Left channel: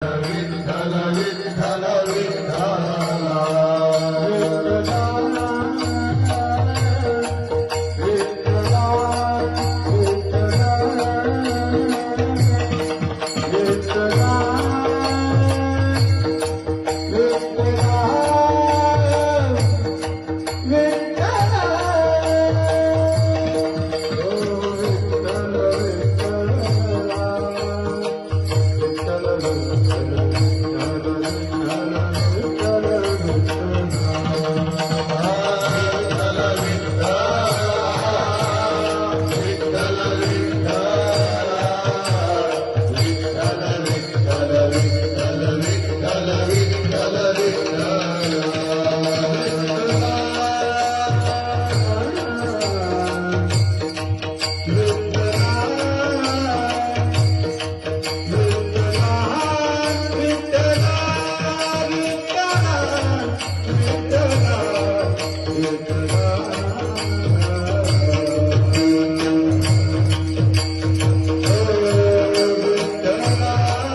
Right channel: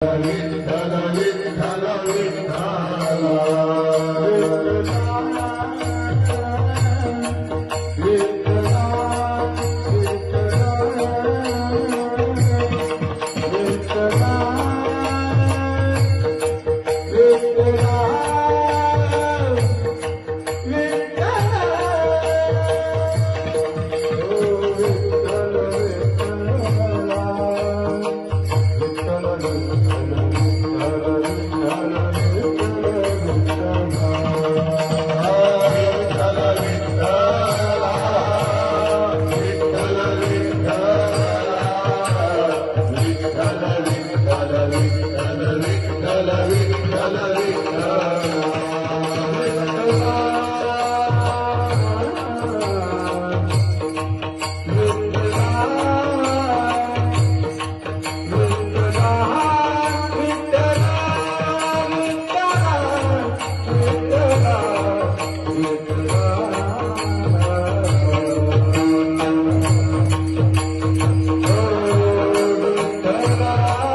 Hallelujah.